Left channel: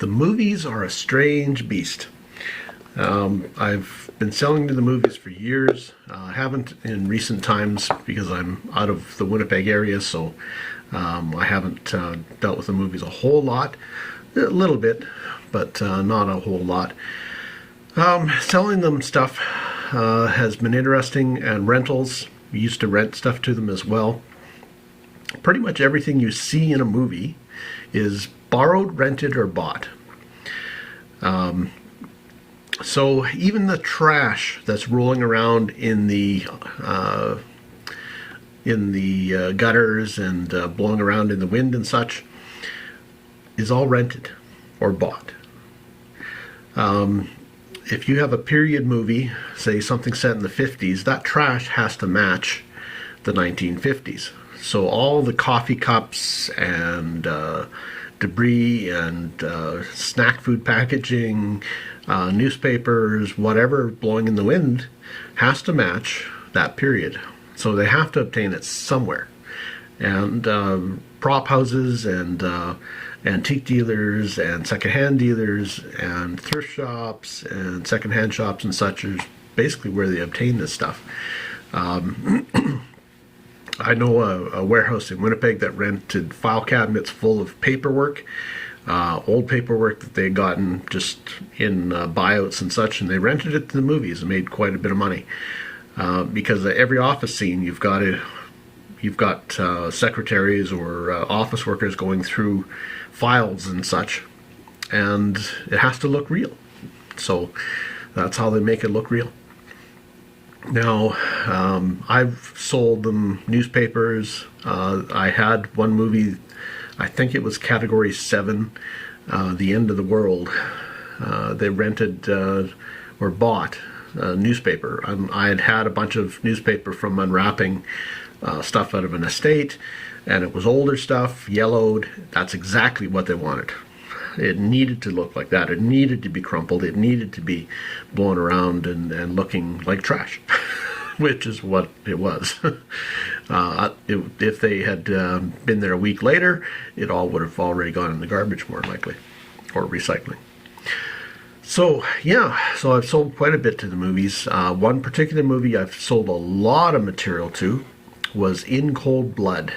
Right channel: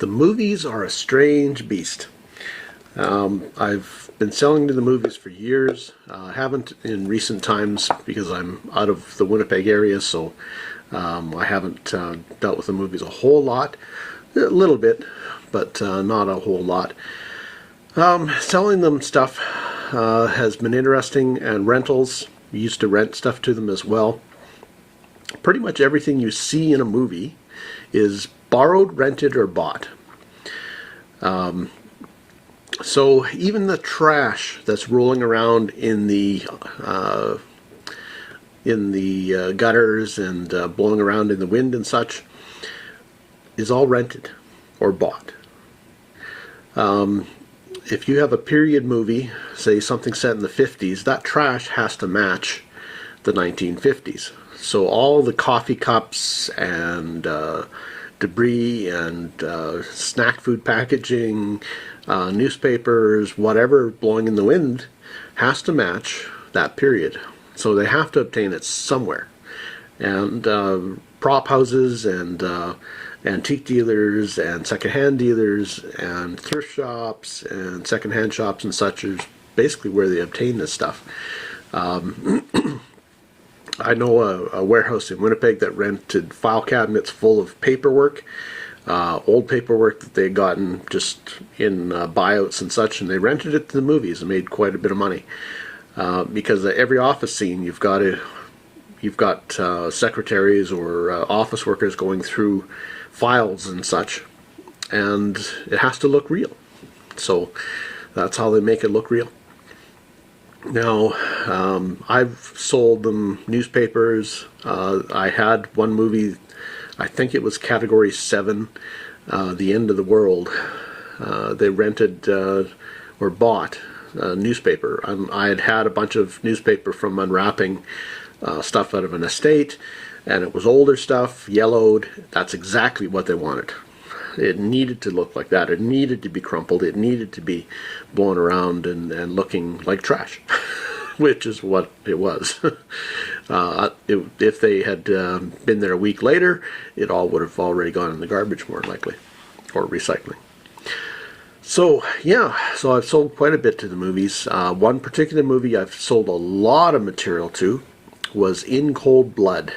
The movies are a strange beast. I've been selling to the movies for years. Haven't in recent times because I'm out of the Winnipeg area, so I haven't dealt with the movies a whole lot. A little bit, but not a whole lot. Selling them stuff has been interesting, and rentals. We used to rent stuff to them as well. Pretty much everything you see in a movie is borrowed, rented, or bought. So even the trash that's rolling around in the gutters and blowing around in the wind and such is all rented or bought. If you have a period movie, say something set in the 50s, that trash has to match the 1950s. So all the coffee cups and debris and snack food packaging, newspapers, whatever blowing in the wind has to match that period. So they have to obtain it somewhere. And prop houses and antique dealers and secondhand dealers and thrift shops and secondhand shops and such is basically where they obtain this stuff. I know a warehouse in Winnipeg that rented file cabinets full of paperwork, old paperwork that they'd gotten just in buyouts and such, and they rented it to the movies and made quite a bit of money. Because every office scene, you've got secretaries or office workers going through files and such, and it has to look real. So that's how they make it look real. Now, I've sold them newspapers. I had one movie, I think it was Category 7, The End of the World. They rented or bought a newspaper. I had had a bunch of newspaper from unwrapping stuff out of an estate, and it was older stuff, yellowed. That's exactly what they wanted. It needed to look like that. It needed to be crumpled. It needed to be blown around and looking like trash, which is what it was. If they had been there a week later, it all would have already gone in the garbage, more likely, or recycling. So, yeah, so I've sold quite a bit to the movies. One particular movie I've sold a lot of material to was In Cold Blood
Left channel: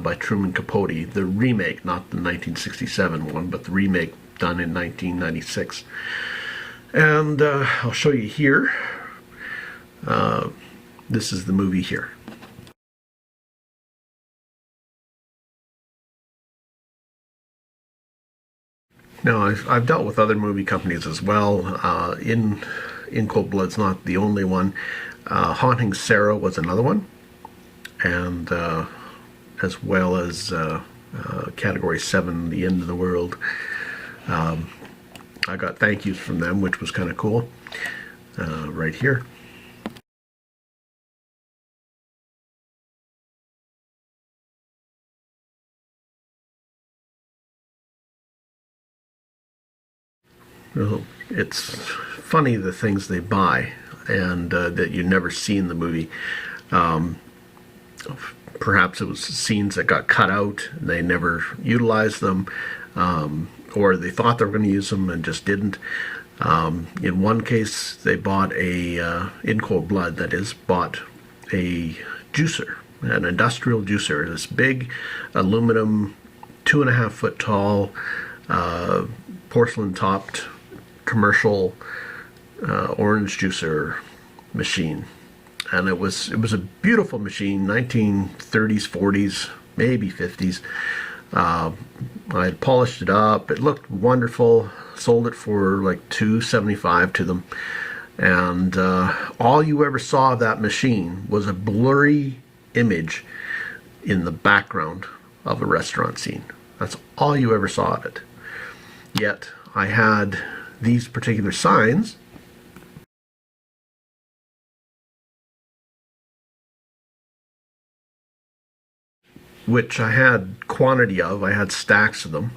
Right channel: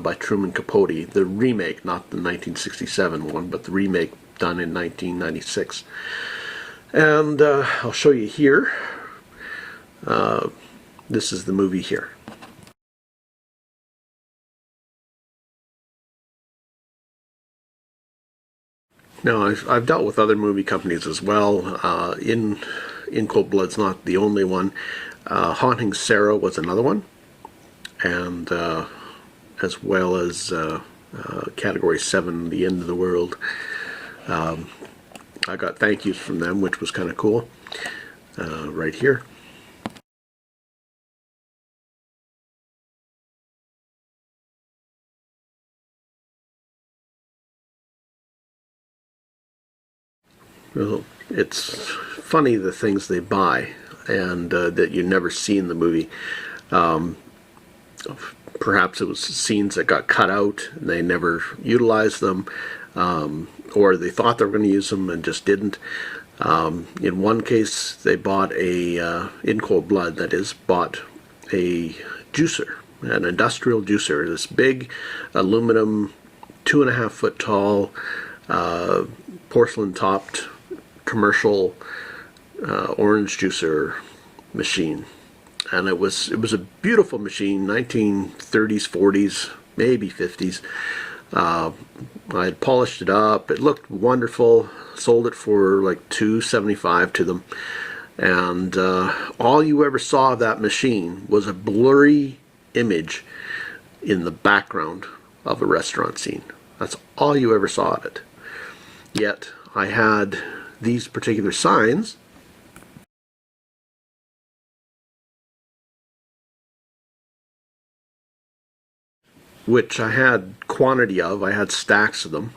by Truman Capote, the remake, not the 1967 one, but the remake done in 1996. And I'll show you here. This is the movie here. Now, I've dealt with other movie companies as well. In Cold Blood's not the only one. Haunting Sarah was another one. And as well as Category 7, The End of the World. I got thank yous from them, which was kind of cool, right here. Well, it's funny the things they buy and that you never see in the movie. Perhaps it was scenes that got cut out and they never utilized them, or they thought they were going to use them and just didn't. In one case, they bought in Cold Blood, that is, bought a juicer, an industrial juicer, this big aluminum, 2.5 foot tall, porcelain topped commercial orange juicer machine. And it was a beautiful machine, 1930s, 40s, maybe 50s. I had polished it up. It looked wonderful. Sold it for like $2.75 to them. And all you ever saw of that machine was a blurry image in the background of a restaurant scene. That's all you ever saw of it. Yet I had these particular signs which I had quantity of. I had stacks of them.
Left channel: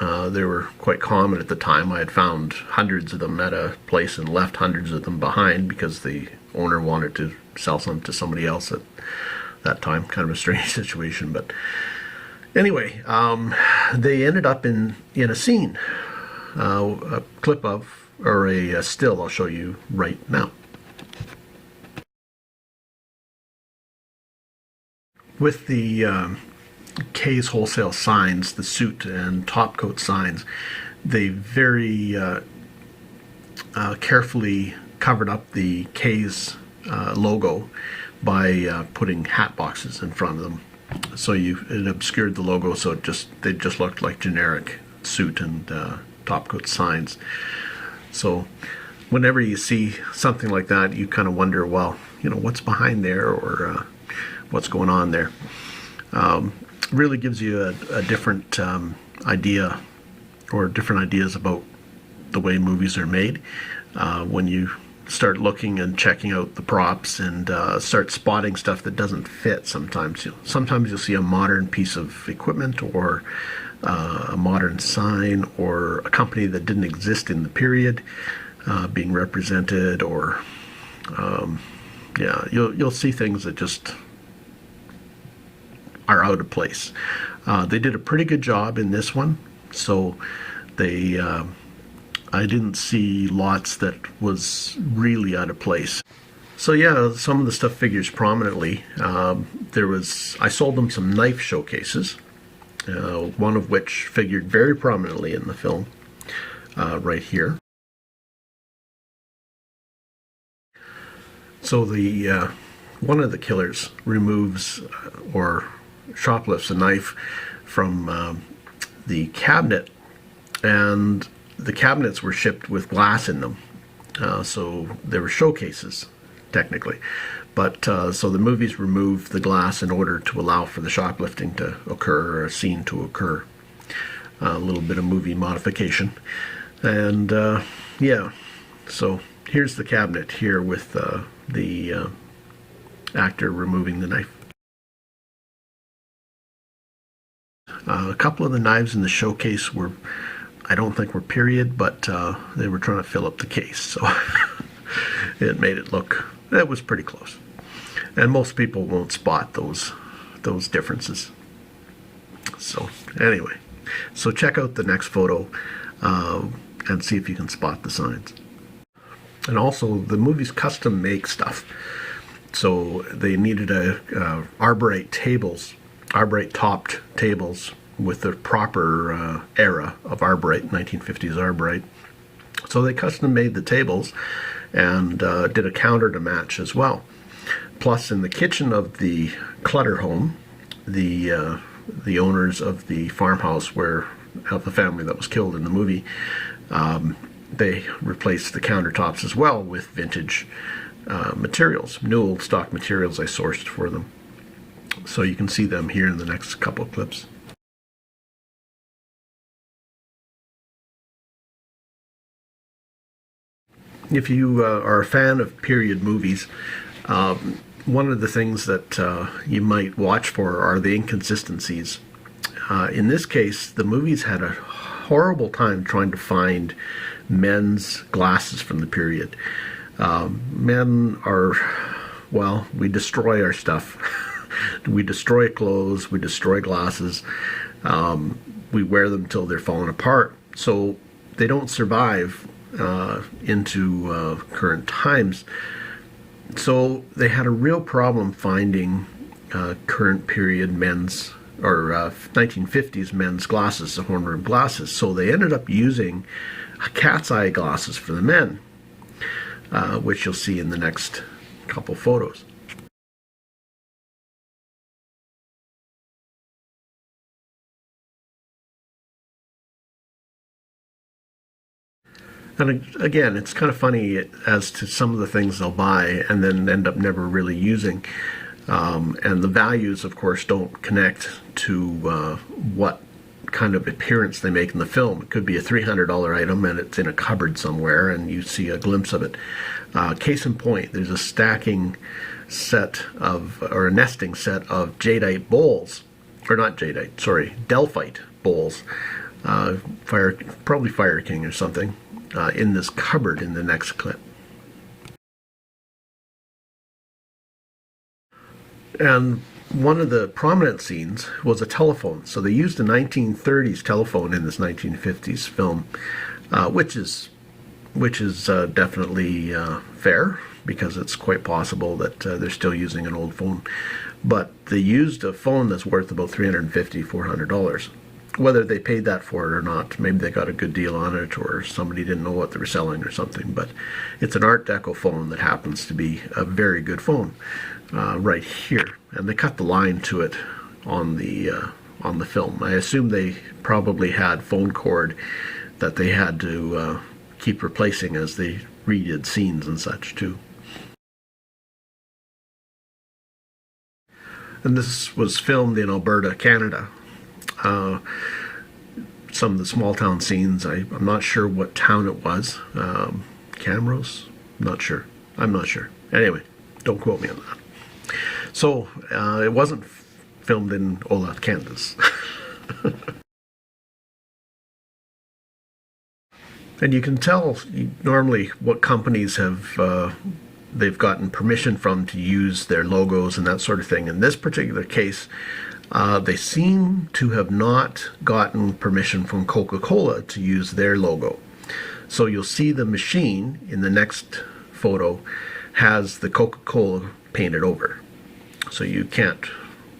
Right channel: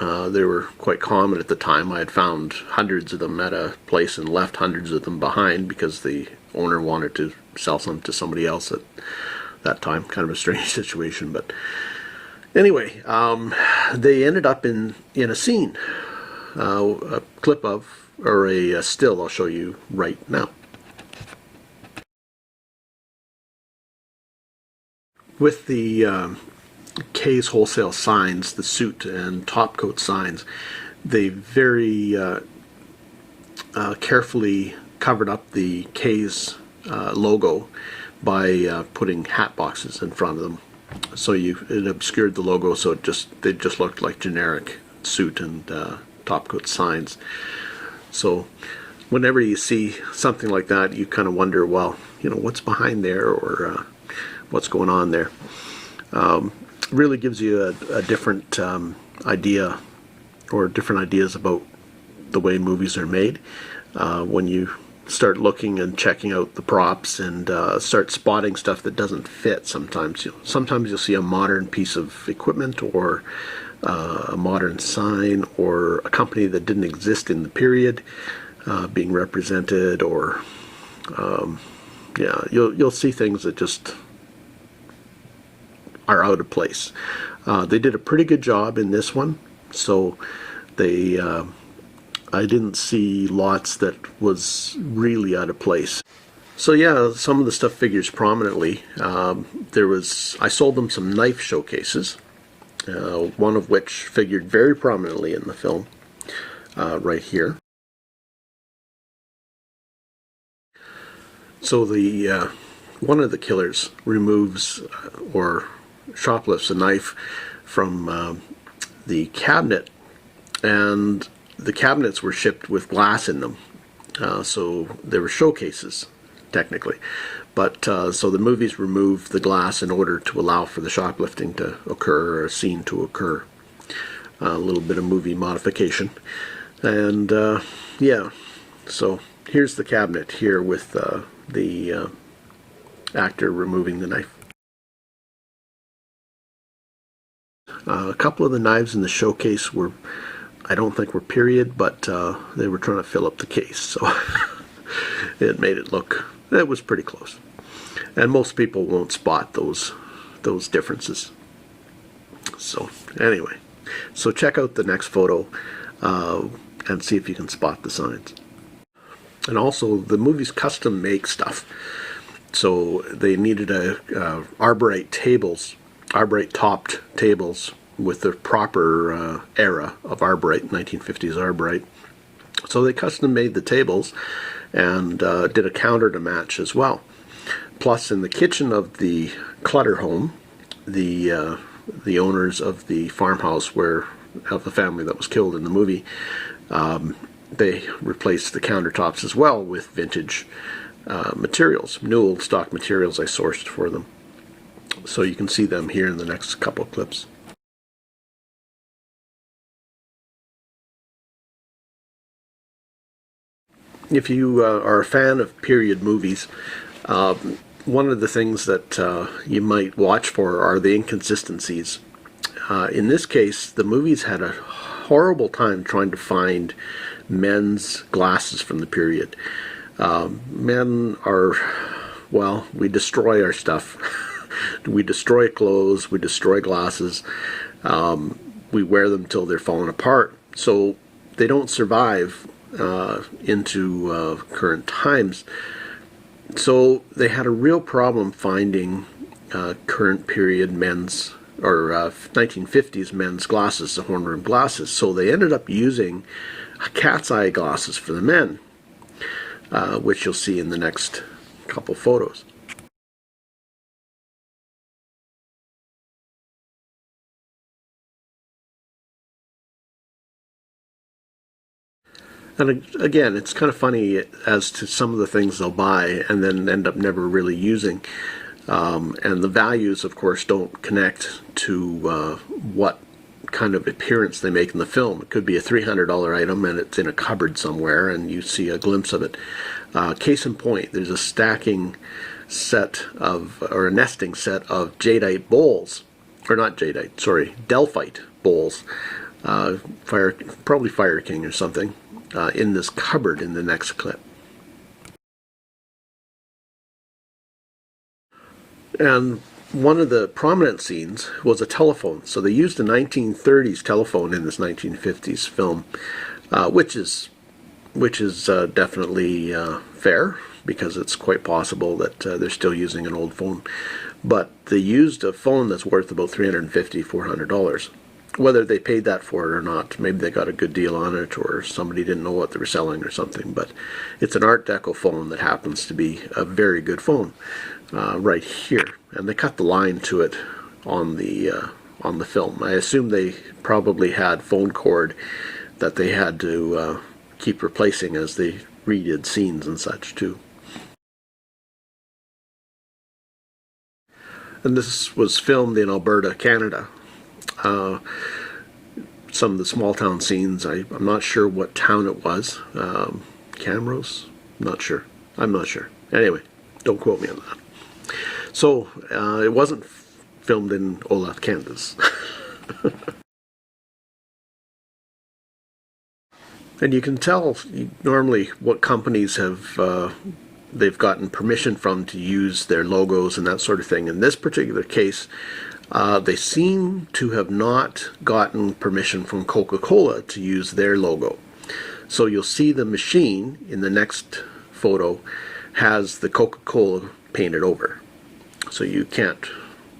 They were quite common at the time. I had found hundreds of them at a place and left hundreds of them behind because the owner wanted to sell some to somebody else at that time. Kind of a strange situation, but anyway, they ended up in a scene. a clip of, or a still I'll show you right now. With the Kay's Wholesale signs, the suit and top coat signs, they very carefully covered up the Kay's logo by putting hat boxes in front of them. So it obscured the logo, so they just looked like generic suit and top coat signs. So whenever you see something like that, you kind of wonder, well, what's behind there, or what's going on there. Really gives you a different idea, or different ideas about the way movies are made when you start looking and checking out the props and start spotting stuff that doesn't fit. Sometimes you'll see a modern piece of equipment, or a modern sign, or a company that didn't exist in the period being represented, or you'll see things that just are out of place. They did a pretty good job in this one, so I didn't see lots that was really out of place. So yeah, some of the stuff figures prominently. I sold them some knife showcases, one of which figured very prominently in the film, right here. So one of the killers removes or shoplifts a knife from the cabinet, and the cabinets were shipped with glass in them, so they were showcases technically, but so the movies removed the glass in order to allow for the shoplifting to occur, or a scene to occur. A little bit of movie modification, and yeah, so here's the cabinet here with the actor removing the knife. A couple of the knives in the showcase I don't think were period, but they were trying to fill up the case, so it made it was pretty close. And most people won't spot those differences. So anyway, so check out the next photo and see if you can spot the signs. And also, the movies custom make stuff, so they needed arborite topped tables with the proper era of arborite, 1950s arborite. So they custom made the tables and did a counter to match as well. Plus, in the kitchen of the Clutter home, the owners of the farmhouse of the family that was killed in the movie, they replaced the countertops as well with vintage materials, new old stock materials I sourced for them. So you can see them here in the next couple of clips. If you are a fan of period movies, one of the things that you might watch for are the inconsistencies. In this case, the movies had a horrible time trying to find men's glasses from the period. Men are, well, we destroy our stuff. We destroy clothes, we destroy glasses, we wear them till they're falling apart. So they don't survive into current times. So they had a real problem finding current period men's, or 1950s men's glasses, the horn rim glasses. So they ended up using cat's eye glasses for the men, which you'll see in the next couple photos. And again, it's kind of funny as to some of the things they'll buy and then end up never really using. And the values, of course, don't connect to what kind of appearance they make in the film. It could be a $300 item and it's in a cupboard somewhere and you see a glimpse of it. Case in point, there's a stacking set of, or a nesting set of jadeite bowls, or not jadeite, sorry, Delphite bowls, probably Fire King or something, in this cupboard in the next clip. And one of the prominent scenes was a telephone. So they used a 1930s telephone in this 1950s film. which is definitely fair, because it's quite possible that they're still using an old phone. But they used a phone that's worth about $350, $400. Whether they paid that for it or not, maybe they got a good deal on it, or somebody didn't know what they were selling or something. But it's an Art Deco phone that happens to be a very good phone right here, and they cut the line to it on the film. I assume they probably had phone cord that they had to keep replacing as they redid scenes and such too. And this was filmed in Alberta, Canada. Uh, some of the small town scenes, I'm not sure what town it was. Camrose? Not sure. I'm not sure. Anyway, don't quote me on that. So, it wasn't filmed in Olathe, Kansas. And you can tell normally what companies they've gotten permission from to use their logos and that sort of thing. In this particular case, they seem to have not gotten permission from Coca-Cola to use their logo. So you'll see the machine in the next photo has the Coca-Cola painted over. So you can't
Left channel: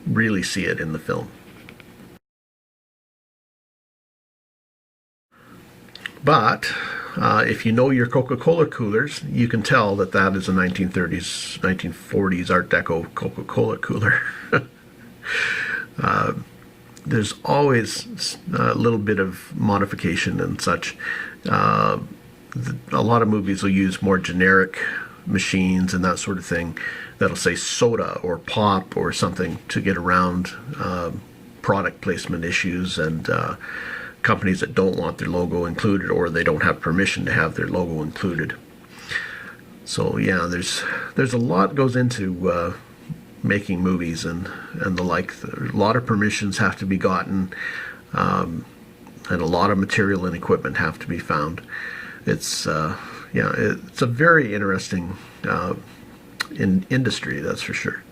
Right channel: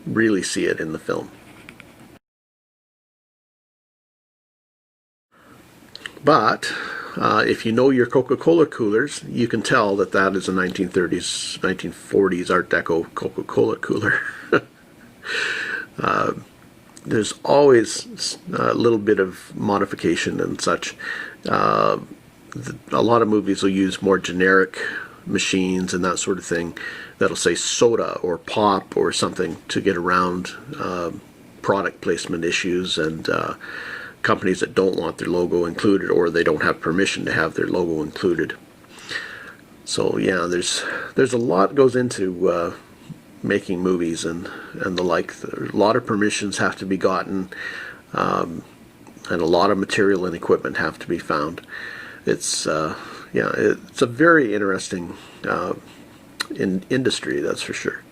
really see it in the film. But if you know your Coca-Cola coolers, you can tell that that is a 1930s, 1940s Art Deco Coca-Cola cooler. There's always a little bit of modification and such. A lot of movies will use more generic machines and that sort of thing that'll say soda or pop or something to get around product placement issues and companies that don't want their logo included, or they don't have permission to have their logo included. So yeah, there's a lot goes into making movies and the like. A lot of permissions have to be gotten, and a lot of material and equipment have to be found. It's it's a very interesting industry, that's for sure.